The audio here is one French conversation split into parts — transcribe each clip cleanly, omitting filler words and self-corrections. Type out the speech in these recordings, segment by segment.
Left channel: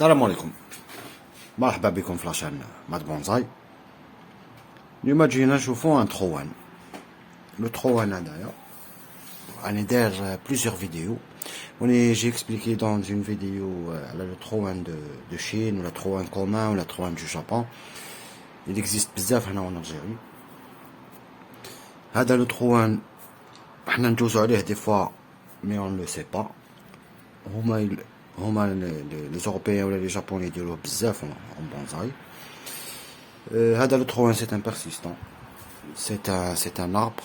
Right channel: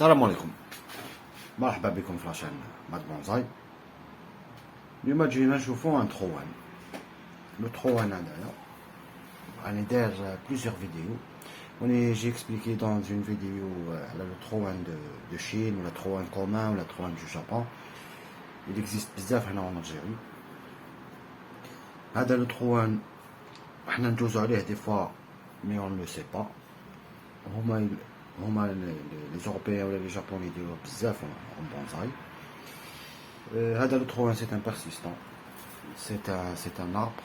السلام عليكم. مرحبا بكم في لاشين مات بونزاي. اليوم جينا نشوفو ان تروان. لو تروان هدايا راني داير بليزيور فيديو وني جي اكسبليكي دون اون فيديو على لو تروان دو شين ولا تروان كومان ولا تروان دو جابون. il existe بزاف هنا en Algérie. هذا لو تروان حنا ندوزو عليه دي فوا مي اون لو سي با. هما لي زوروبيان ولا لي جابوني يديروه بزاف اون بونزاي. هذا لو تروان سي ان بيرسيستون. C'est un arbre.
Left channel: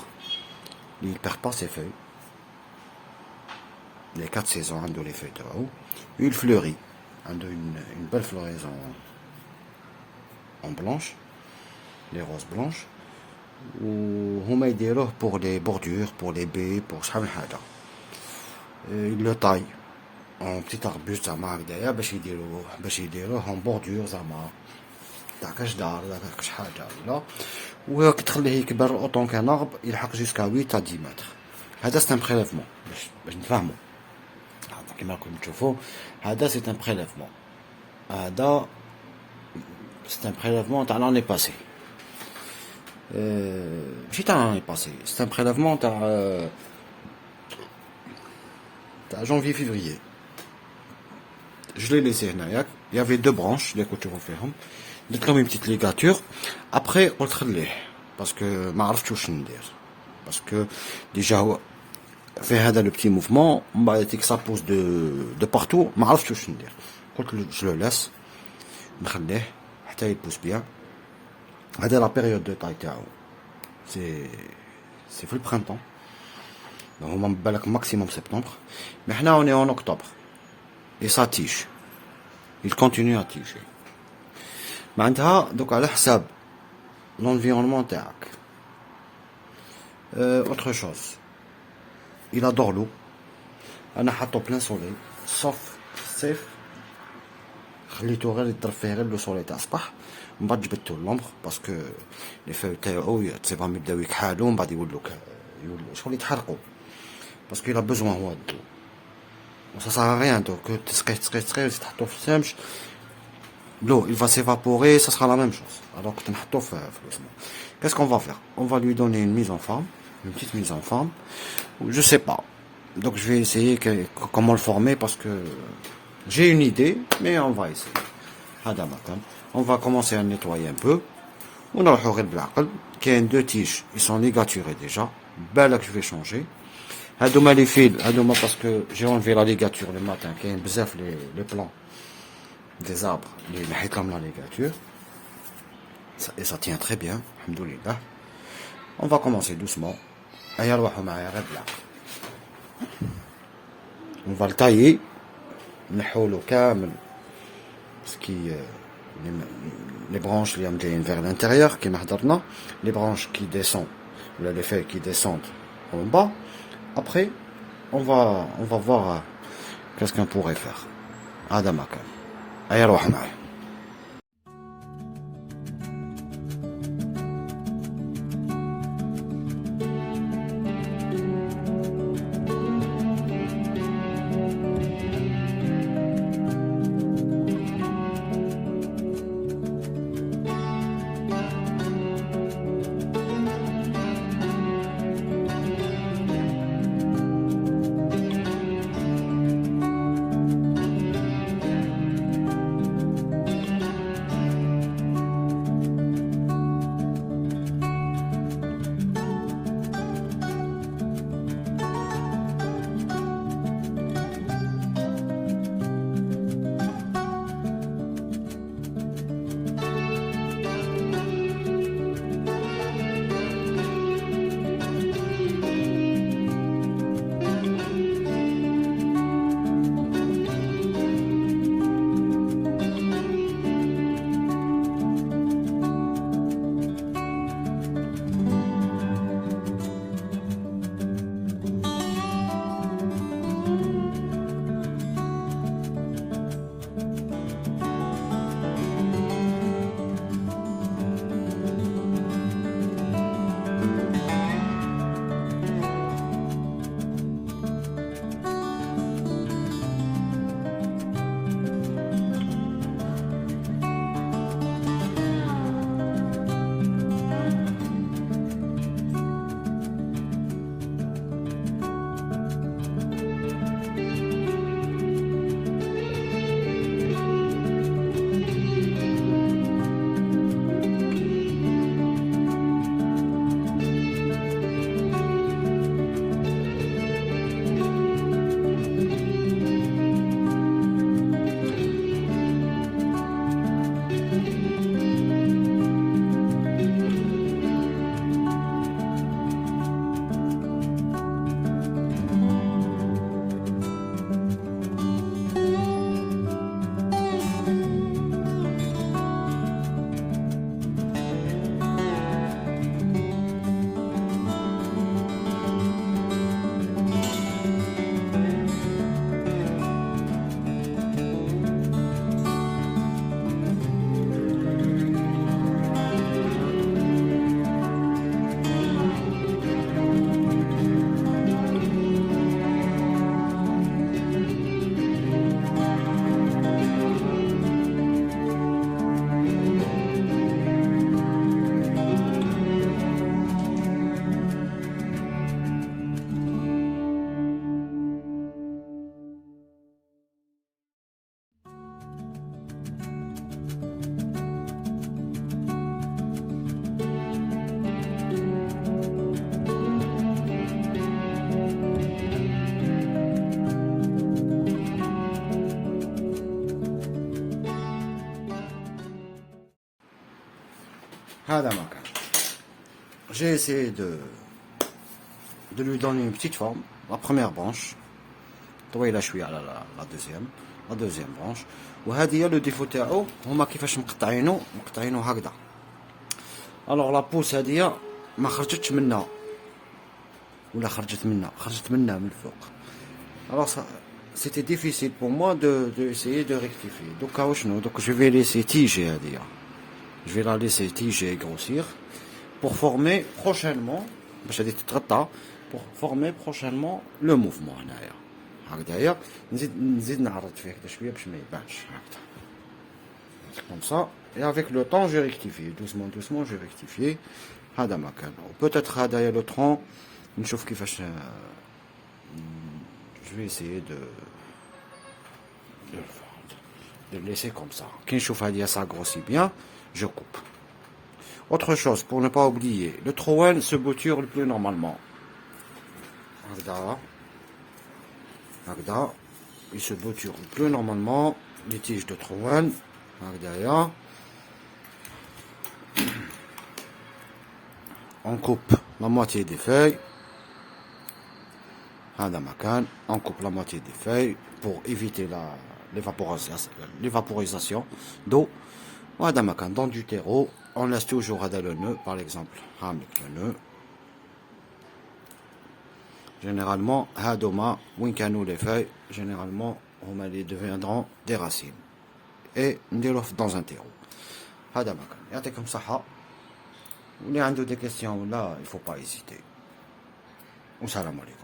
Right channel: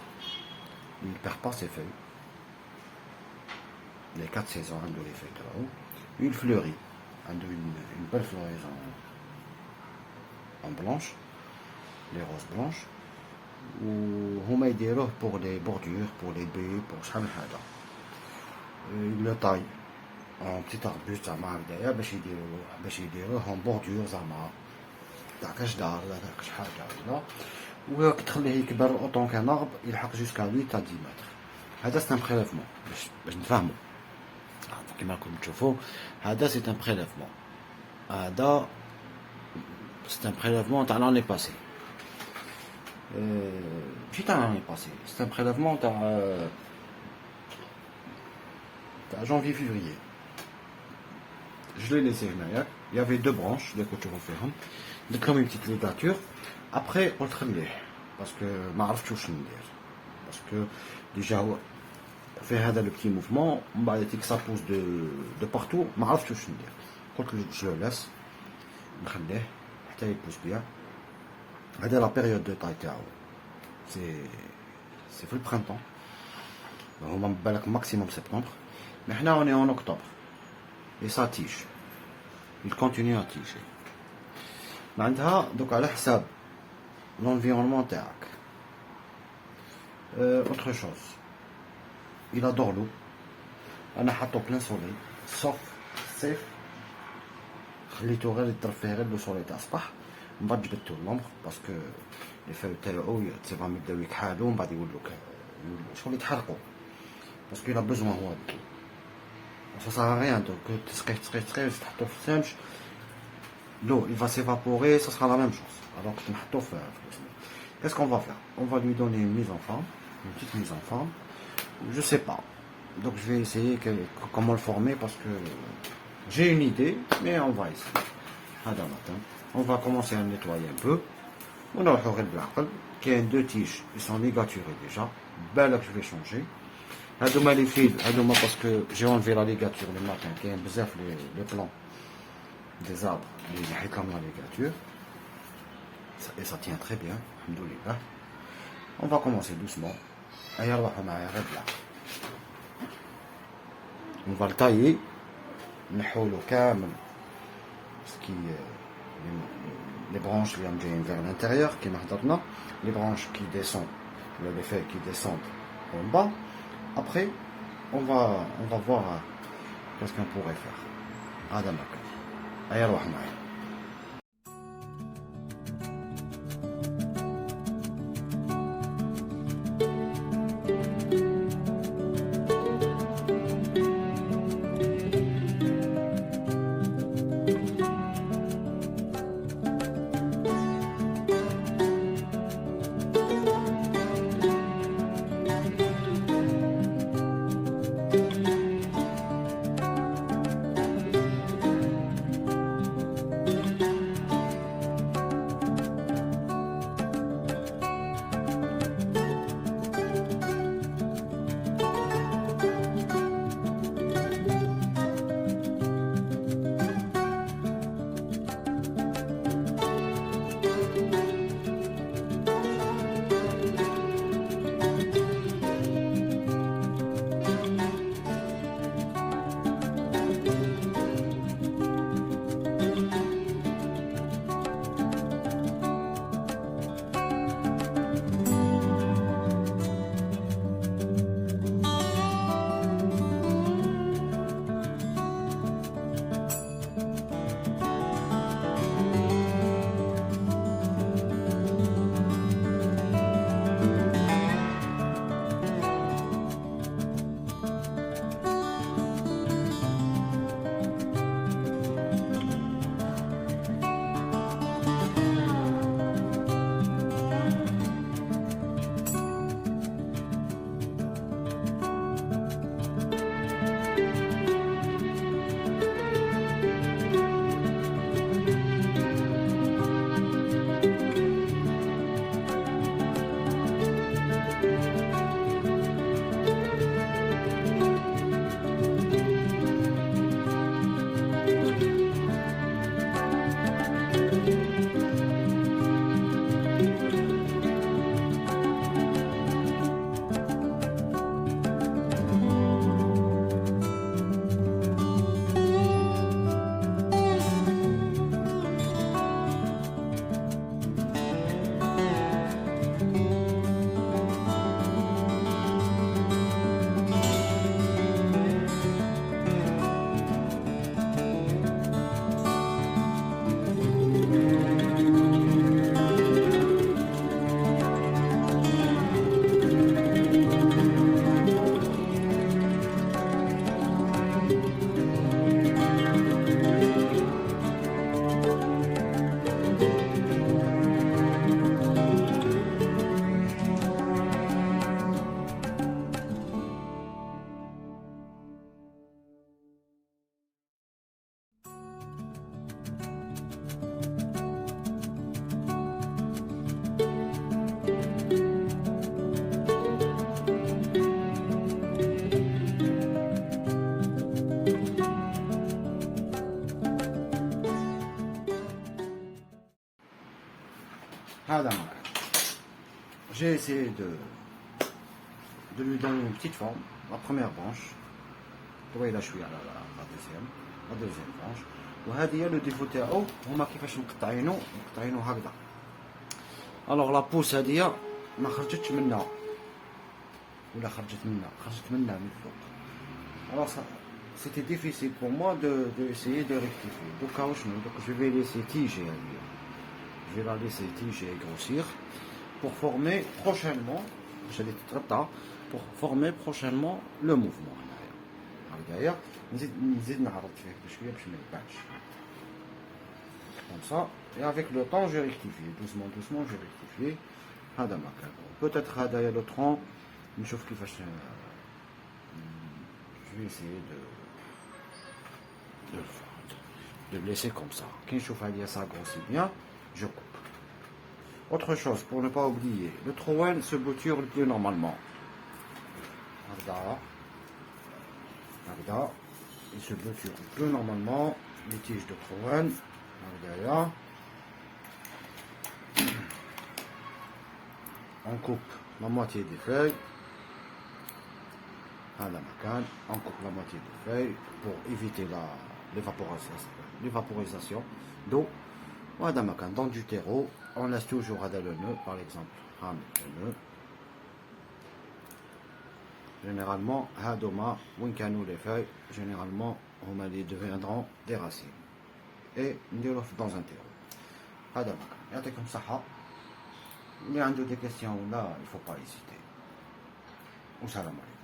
Il ne perd pas ses feuilles. Les 4 saisons عنده les feuilles تاعو. Il fleurit. عنده une belle floraison en blanche. Les roses blanches. وهما يديروه pour les bordures, pour les baies, pour شحال من حاجة. Il le taille en petit arbuste زعما هكدايا باش يديروه en bordure زعما تاع كاش دار ولا كاش حاجة ولا. وكتخليه يكبر اوطون كان ارب يلحق جوسكا 8 à 10 متر. هذا سي ان بريليفمون باش نفهمو. كيما راكم تشوفوا هذا سي ان بريليفمون. هذا سي ان بريليفمون تاع لاني باسي. ماشي تاع لاني باسي، سي ان بريليفمون تاع janvier février. Je l'ai laissé هنايا. Il y avait 2 branches اللي كنت نشوفو فيهم. درت لهم une petite ligature. Après قلت خليه باسكو ما عرفتش واش ندير، باسكو ديجا هو في هذا لو بتي موفمون من بعد تيك سا بوز دو بارتو، ما عرفتش واش ندير. قلت له جو لو لاس نخليه حتى يبوس بيان. هذا لا بيريود دو طاي تاعو سي في البرينتون، هما بالك ماكسيموم سبتمبر، مي حنا اوني اون اوكتوبر اي سا تيش il continue à tiger. معناتها دوك على حساب l'environnement تاعك. autre chose, il adore l'eau. انا حاطو بلان سولي صوف الصيف خليتو غير يضرب فيه غير لو سولي تاع الصباح، من بعد جبدتو لومبر باسكو لي فاو تاعو تسيبهم يبداو يكحالو من بعد يولو شغل يتحرقو باسكو il a besoin هو دو. ça sert à rien donc تسقيه تحطو في الشمس. L'eau, il va s'évaporer, ça sera la même chose. Alors que qu'est-ce qu'on va faire? On va lui donner une mise en forme, une petite mise en forme. Je sais pas. Donc je vais essayer comment le former parce que j'ai une idée, mais on va essayer. On va commencer à le nettoyer un peu. On a le 2 tiges, ils sont ligaturés déjà. Belle que je vais changer. Les fils, parce que j'ai enlevé la ligature le matin, qui est les plants des arbres, les comme la ligature, et ça tient très bien, alhamdoulilah. On va commencer doucement. On va le tailler, les branches viennent vers l'intérieur, les branches qui descendent, les feuilles qui descendent en bas. Après, on va voir qu'est-ce qu'on pourrait faire. Adamaka. أي روح معي. هذا ما كان. J'ai essayé de lui donner une petite forme. La première branche, طويله شويه على la deuxième branche. وهذه هي لو ديفو تاعو هما كيفاش مقطعينو هكذا. الوغ لا بوس هذه ما خرجتش منها ولا خرجت منها من الفوق. الوغ c'était difficile pour moi de essayer de rectifier. Donc je vais laisser tiger هذه. Je vais la laisser tiger et grossir pour former prochainement باش غادي تتغطى pour former prochainement le mouvement هنايا. هكذايا نزيد نعرض فيه هكذا شويه باش ما يبانش هكذا. Comme ça, et avec le temps, je rectifie. Doucement, je vais rectifier. هذا ما كان. Peut-être هذايا le tronc. نشوف كيفاش. Je vais essayer de le laisser comme ça. كي نشوف هذه ça grossit bien, je coupe. Autre chose, pour ne pas oublier, le trowen se bouture plus normalement. Hagda, il se bouture plus normalement les tiges de trowen. Hagda, on coupe la moitié des feuilles. On coupe la moitié des feuilles pour éviter l'évaporisation d'eau. Dans du terreau, on laisse toujours le nœud, par exemple, avec le nœud. Généralement, les feuilles, généralement, ils deviendront des racines. Et dans un terreau. Comme ça. Il y a des questions là, il ne faut pas hésiter. Salam alaikum.